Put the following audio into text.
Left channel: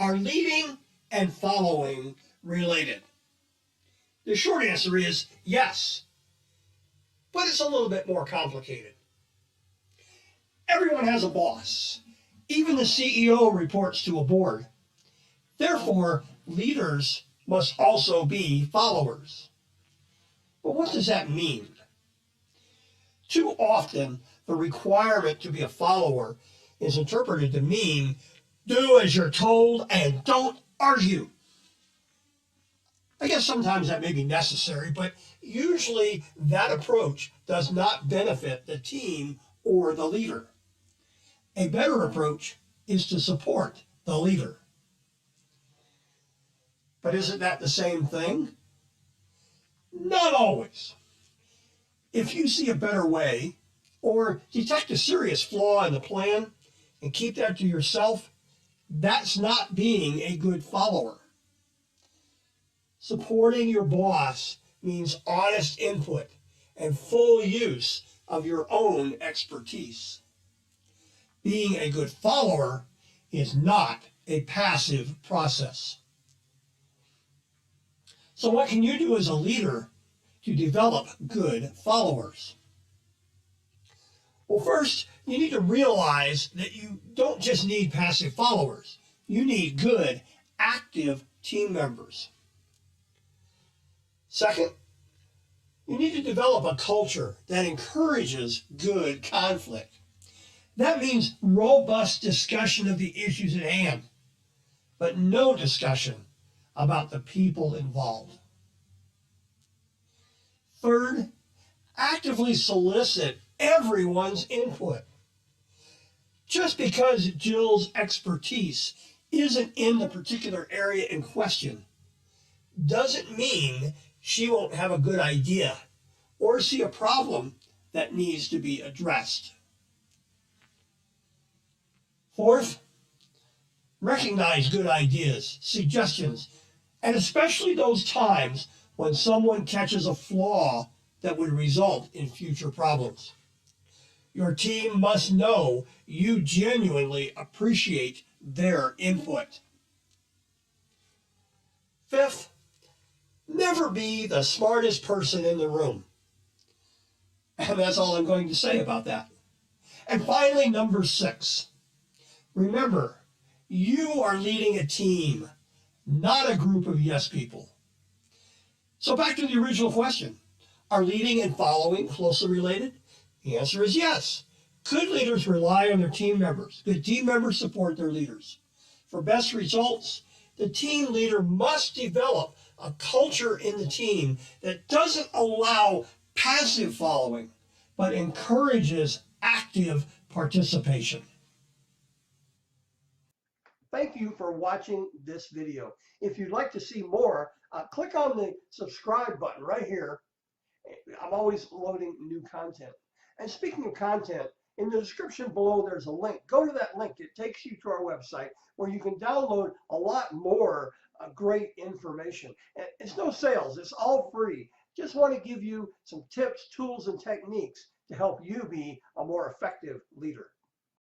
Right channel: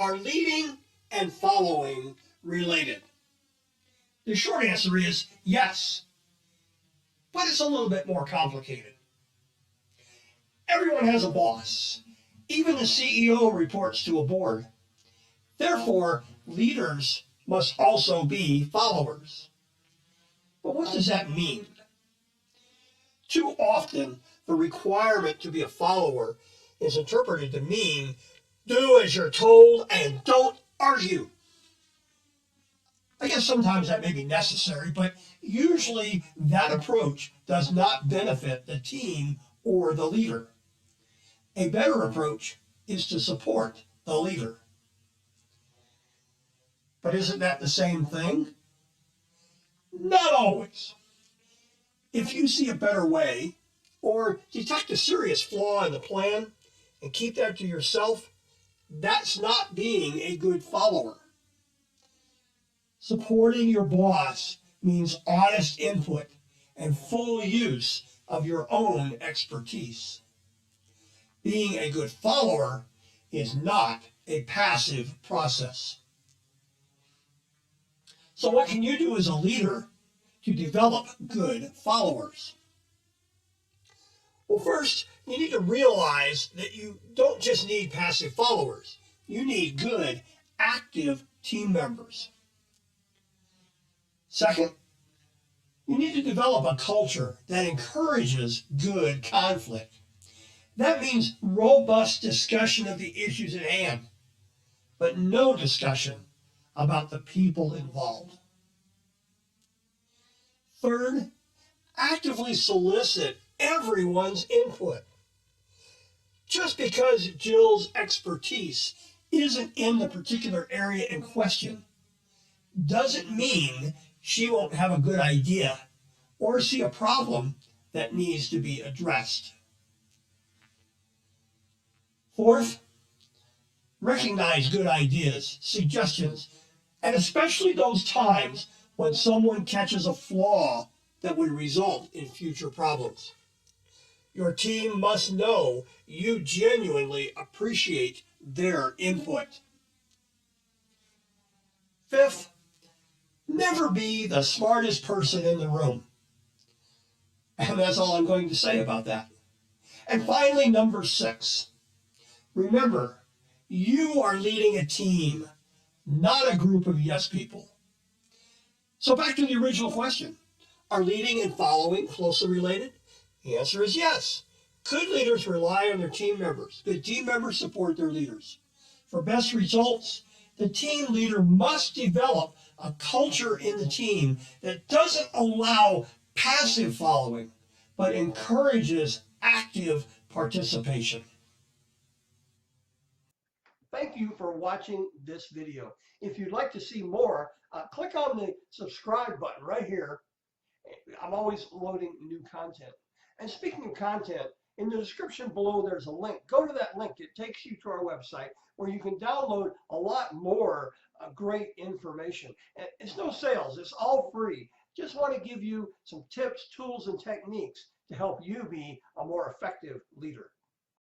Are leading and following related? The short answer is yes, but it's a little bit more complicated. Everyone has a boss. Even the CEO reports to a board. Therefore, leaders must also be followers. But what does that mean? Too often, the requirement to be a follower is interpreted to mean do as you're told and don't argue. I guess sometimes that may be necessary, but usually that approach does not benefit the team or the leader. A better approach is to support the leader. But isn't that the same thing? Not always. If you see a better way or detect a serious flaw in the plan and keep that to yourself, that's not being a good follower. Supporting your boss means honest input and full use of your own expertise. Being a good follower is not a passive process. So what can you do as a leader to develop good followers? Well, first, you need to realize that you don't just need passive followers. You need good, active team members. Second, you need to develop a culture that encourages good conflict. That means robust discussion of the issues at hand, but no discussion about the people involved. Third, actively solicit everyone's input. Just because Jill's expertise isn't in the particular area in question doesn't mean she won't have a good idea or see a problem that needs to be addressed. Fourth, recognize good ideas, suggestions, and especially those times when someone catches a flaw that would result in future problems. Your team must know you genuinely appreciate their input. Fifth, never be the smartest person in the room. And that's all I'm going to say about that. And finally, number 6, remember, you are leading a team, not a group of yes people. So back to the original question. Are leading and following closely related? The answer is yes. Good leaders rely on their team members. Good team members support their leaders. For best results, the team leader must develop a culture in the team that doesn't allow passive following, but encourages active participation. Thank you for watching this video. If you'd like to see more, click on the subscribe button right here. I'm always loading new content. And speaking of content, in the description below there's a link. Go to that link. It takes you to our website where you can download a lot more great information. And it's no sales. It's all free. Just want to give you some tips, tools, and techniques to help you be a more effective leader.